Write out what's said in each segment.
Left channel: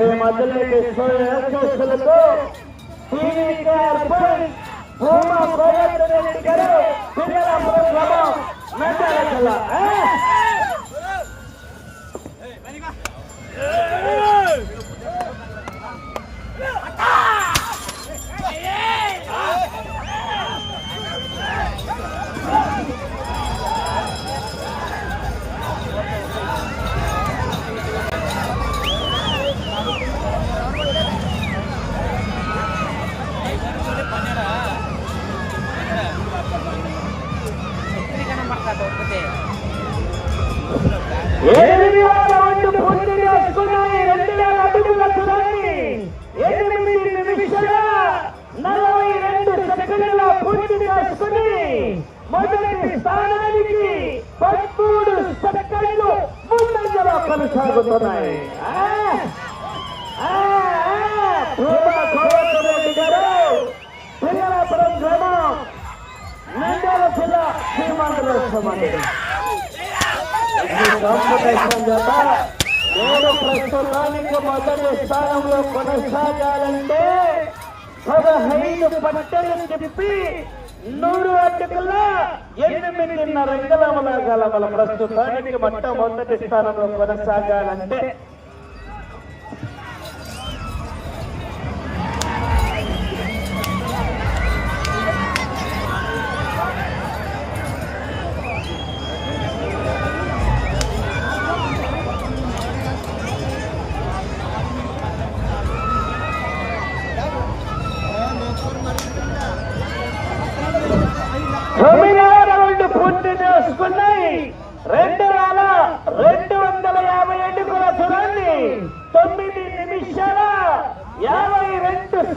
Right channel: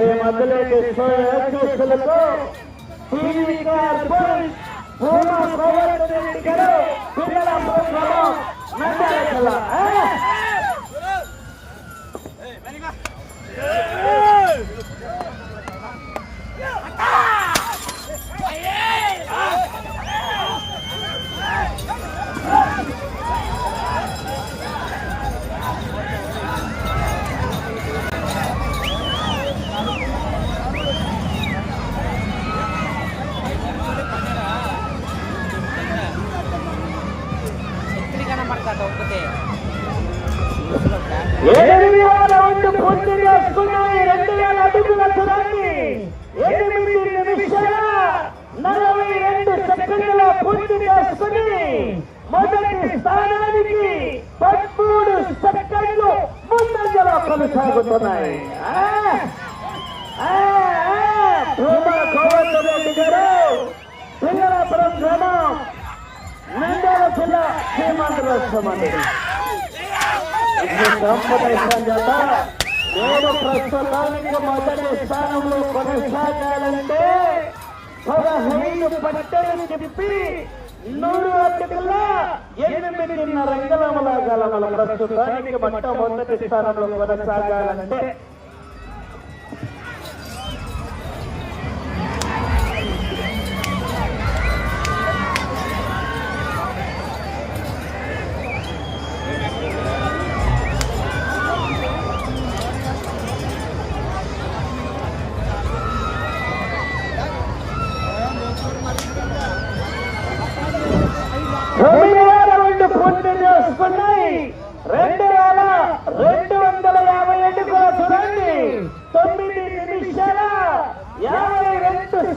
శ్రీ మధ్యలోకి శ్రేయస్సులతో TVR police హోమ గోవర్ధన్ రెడ్డి గారు పిల్లల ప్రోగ్రామం నంద్యాల జిల్లా ఆ? కనబడతా కొనసాగుతున్నాయి పిల్లలాపురం గ్రామం, నంద్యాల జిల్లా నేను ప్రస్తుతానికి మొదటి స్థానంలో కొనసాగాలంటే పదహైదు పట్టలు చెప్పి నూరు అటుకుల ఎనిమిదిన్నర రంగలముల గలమల ప్రస్తుతానికి మొట్టమొదటి స్థానంలో కొనసాగాలంటే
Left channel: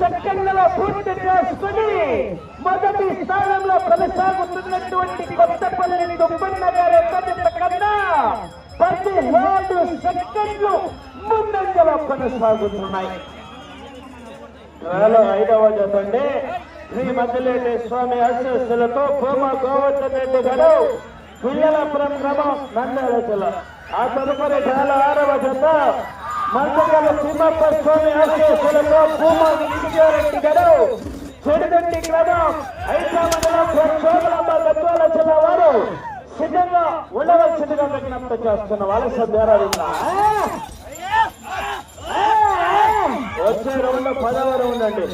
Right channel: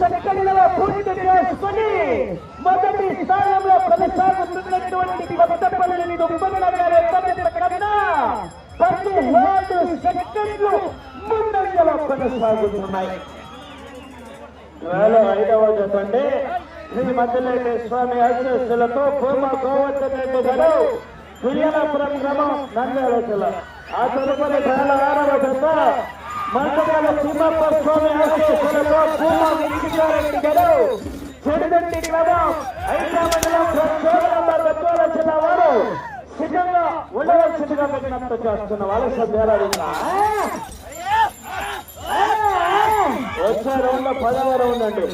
సెకండ్లలో పూర్తి చేసుకుని మొదటి స్థానంలో కొనసాగుతున్నటువంటి కొత్తపల్లి దుబ్బన్న గారి ఎత్తడిత కన్నా పదిహేడు సెకండ్లు ముందంజలో కొనసాగుతున్నాయి. వేల ఐదవ జతండి శ్రీ మధ్యలేని స్వామి ఆశీస్సులతో భూమ గోవర్ధన్ గారు పిల్లలపురం గ్రామం నంద్యాల జిల్లా. ఆ తదుపరి చాలా ఆరవ జత మందకల తిమ్మప్ప స్వామి ఆశీస్సులతో భూమ విజయారెడ్డి గారు చెడుదండి గ్రామం ఐదు మండలం జిల్లా వారు సిద్ధంగా ఉండవలసిందిగా విజ్ఞప్తి చేస్తున్న వాళ్ళ సభ్యారాధిగా వచ్చే రౌండ్ పదవ రౌండ్ అండి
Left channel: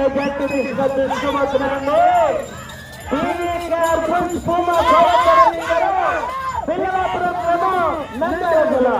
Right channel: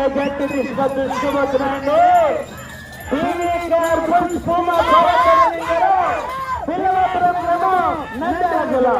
భారీ మెజార్టీ తీసుకొని తీసుకువచ్చినండి పిల్లలాపురం గ్రామం నంద్యాల జిల్లా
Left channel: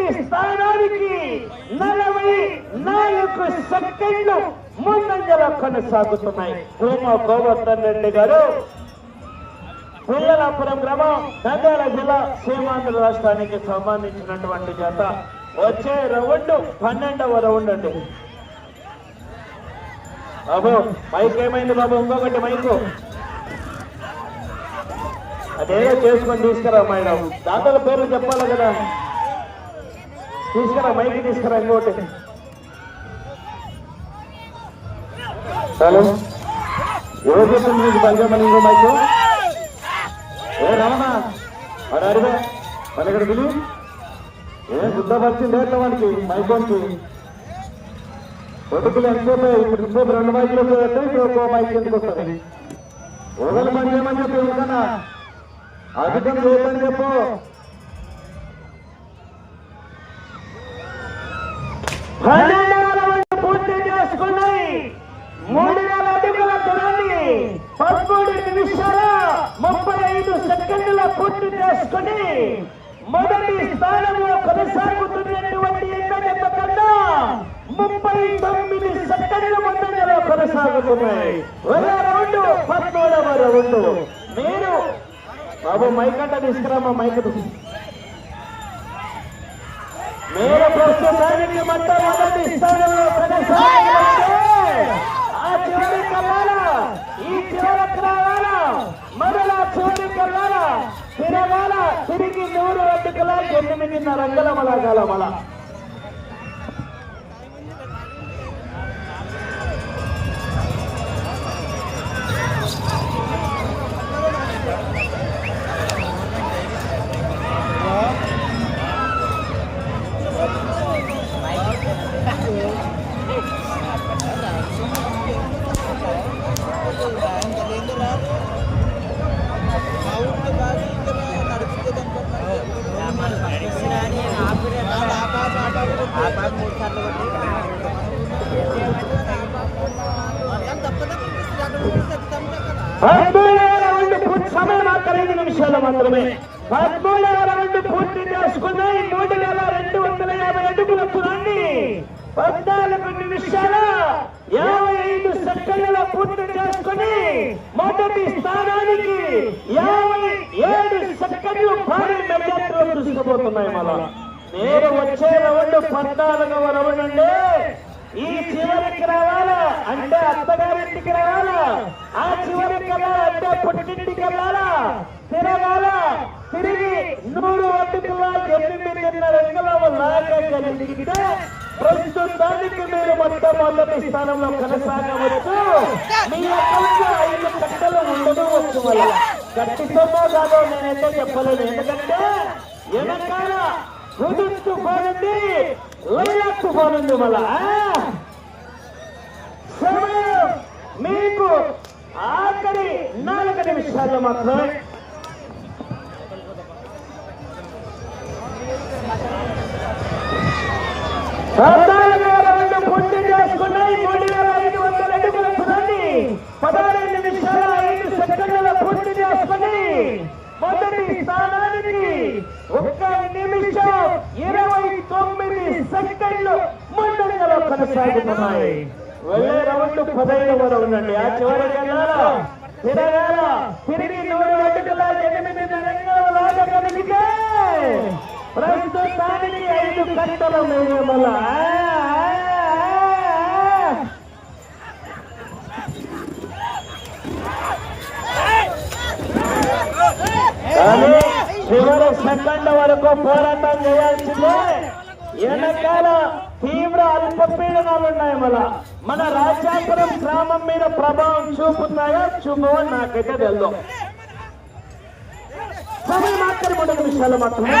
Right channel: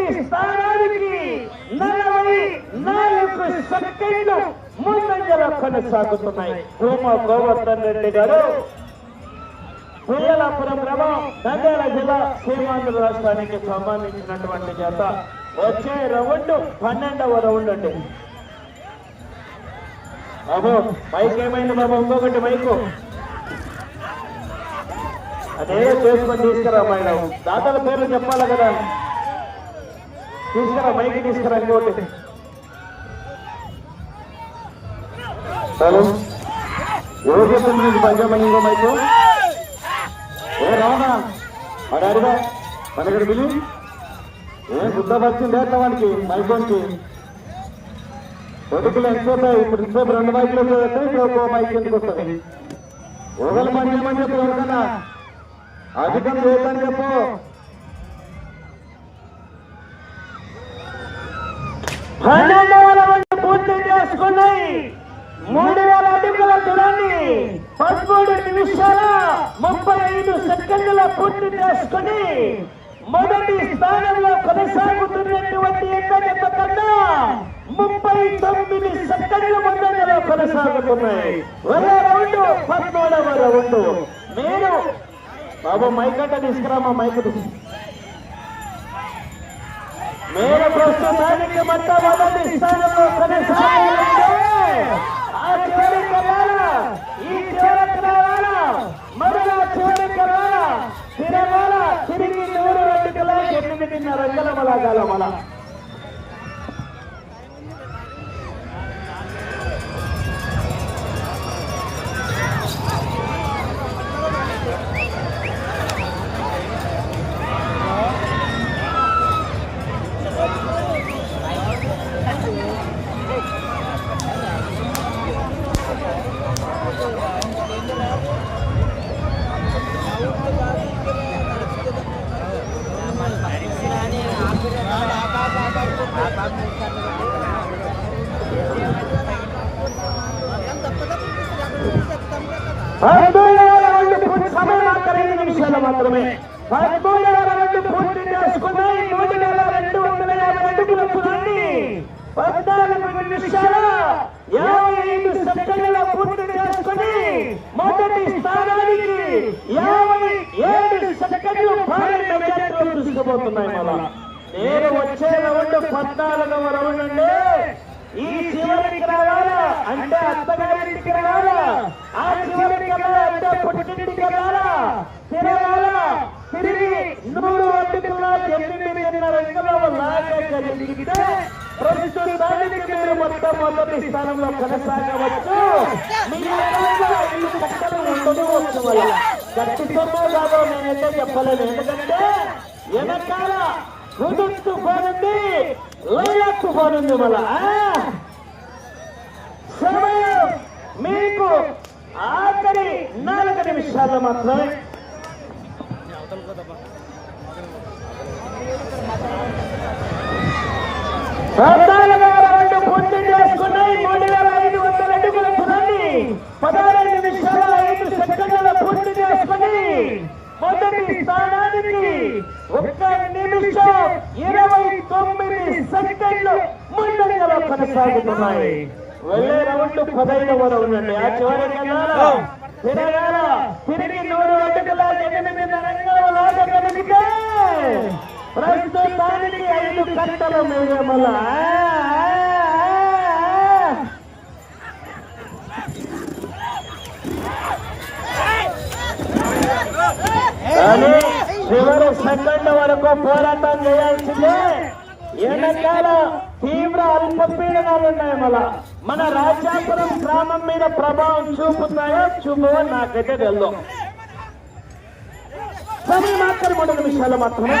మొదటి స్థానానికి నలభై నాలుగు సెకండ్లు ముందంజల కొనసాగుతున్నాయి. భూమ గోవర్ధన్ రెడ్డి గారు పిల్లలాపురం గ్రామం నంద్యాల జిల్లా సీమాంధ్ర రాష్ట్రానికి సంబంధించినటువంటి జత. వచ్చే రౌండ్ పన్నెండవ రౌండ్ అండి. బాబు మైక్ ఏమైంది బాబు? ఇంకొకటి మైకు. అదే చేసుకొని తీసుకురా మేడం దాతల పేర్లు చెప్పాలి కదా. తీసుకురా మైక్ తీసుకురా ఇంకోటి. హలో? ఎవరు చెప్తుంది నీకు పంచామని ఇంకో మైక్? ఏ రమణ అడు అడిగా మనకి పిలి? ఏ గుడ్డ వచ్చింది ఎట్లా వాడికి మైకోనికి కొడుకులు ఎంతసేపు ఇప్పుడు ఇంతసేపు రెండు మైకులు పెడితే ఇంకో మైక్ ఎందుకు వస్తుంది ఒకరు పంచామని చెప్పి ఎవరికన్నా అధికం లేదని చెప్పు. Hallelujah! తిరగాల తిరిగి నూరు అడ్డుకల ఎనిమిదిన్నర అంగళమల గలమల. పద్నాలుగవ రౌండ్ ఈ చివరికి రావాలా? అంటే అత్తగారింటికి రావాలా? ఆ చివరికి అంటే పుట్టింటికి వెళ్ళాలా తిరగాలా? తిరిగి నూరు అడ్డుకులా ఎనిమిదిన్నర ఎంగలో లాగగలిగితే ప్రస్తుతానికి మీరు మొట్టమొదటి స్థానంలో కొనసాగవచ్చు. మీ అకౌంట్లో ఐదు కట్టలు ఉండదు వచ్చు వల్ల కట్టు సొమ్ము కాదో నేనైతే చెప్పలేదు ఎందుకంటే వెనకాల కుదుర్తు పోనుంది లైలక్కు పోనుంది వల్ల సమయం మీకు ఆఖరి నాలుగు నిమిషాలు మాత్రమే పద్నాలుగు వేల రెండు పూర్తి చేసుకున్నాయి మూడు వేల ఐదు వందల అడుగుల తుది పదహారు నిమిషాల ఐదు సెకండ్ల పూర్తి చేసుకుని మొదటి స్థానానికి ఒక్క నిమిషం ఇరవై తొమ్మిది సెకండ్లు మూడు వేల కొనసాగుతున్నాయి ఒకే రౌండ్ పదహైదు ఉండండి ఆ చివరికి వెళ్ళాలా తిరగాలా తిరిగి నూరు అడుగుల ఎనిమిది రంగాల లాగగలిగితే ప్రస్తుతానికి ఐదు గంటలు మూడు వందల చివరి సెకండ్ వరకు పోరాటం చేయాల్సిందే వెనకాల తీవ్ర అల్పపీడనాలు ఉన్నాయి మళ్ళా. మన రాజాపురం గ్రామం మీద ప్రభావం చూపుతాయా చూపో నాకైతే తెలుదు. సరే మాత్రం మొదటి విషయాలు మాత్రమే.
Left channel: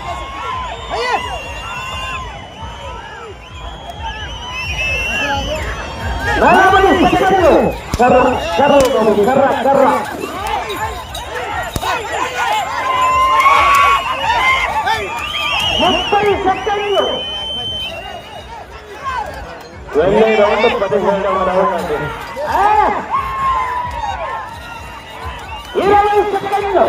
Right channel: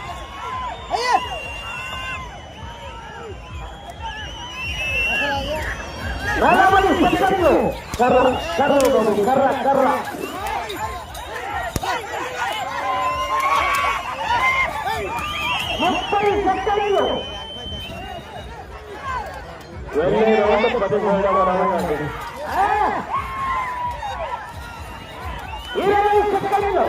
ముప్పై సెకండ్లు వెళ్ళే రౌండ్ పదిహేడవ రౌండ్ అండి ఇరవై సెకండ్లు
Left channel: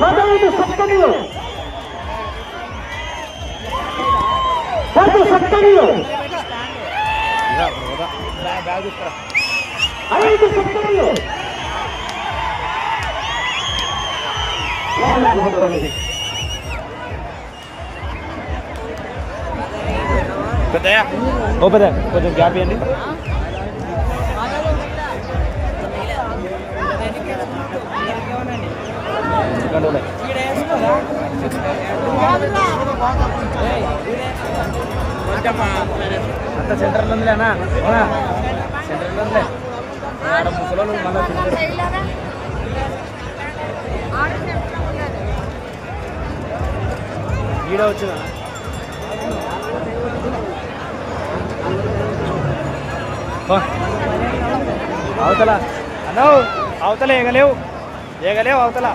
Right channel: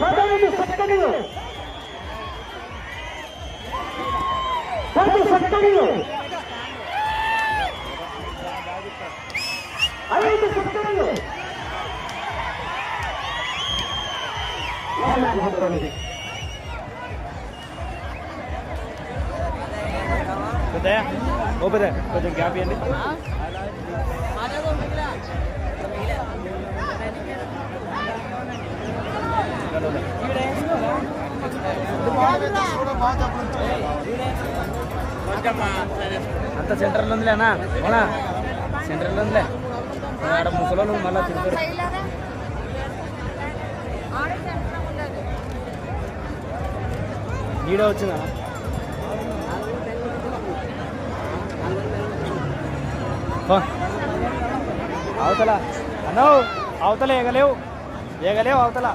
పదహైదు సెకండ్లు పది సెకండ్లు ఐదు సెకండ్లు ఓ పెద్ద కొంచెం గ్యాప్ ఇవ్వండి సెంటర్ ఉందిలేనా ఈడ వచ్చిన. అవతల అన్నావు అవతల ఎగలేవు ఎగలేవు అవతల.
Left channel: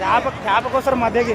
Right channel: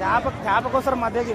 చేప చేప కోసం మధ్యకి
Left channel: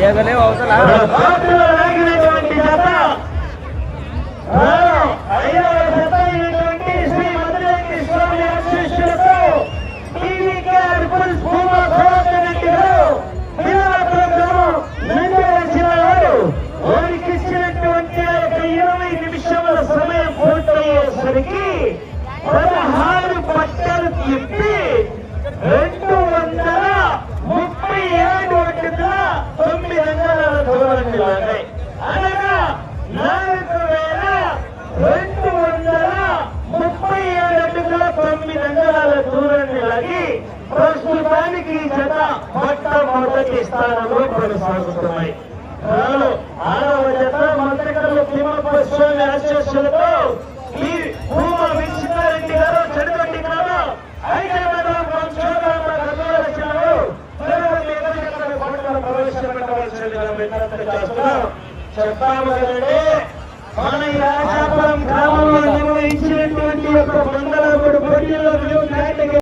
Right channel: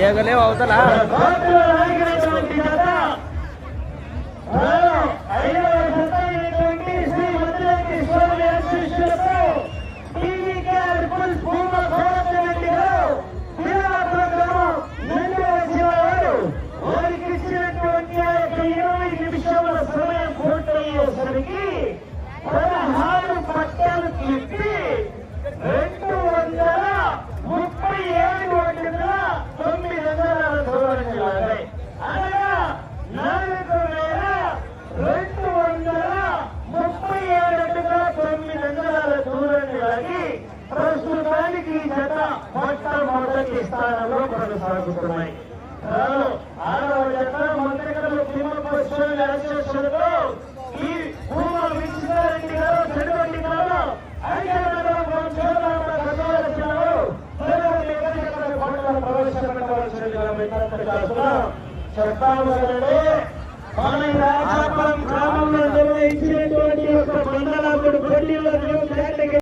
ఆ యొక్క ఇరవై నిమిషాల సమయం పూర్తయ్యేసరికి పదహారు ಆರಂಭವಾಗುತ್ತವೆ ನಾನು ಮಾನವ ಜನ ಮಂತ್ರಿಗಳು ನಿಮ್ಮ ಪಶುವಿನ ಆಶೀರ್ವಚನಗಳು ಈ ಭೂಮ ವೀಕ್ಷಿತ ರೆಡ್ಡಿಗಳು ಚಡಗಟ್ಟಿಗಳು ಐದೈದು చెప్తామంటే మన ఈ రాజాపురం గ్రామంలో నిర్వహించినటువంటి యొక్క మండల పోటీలో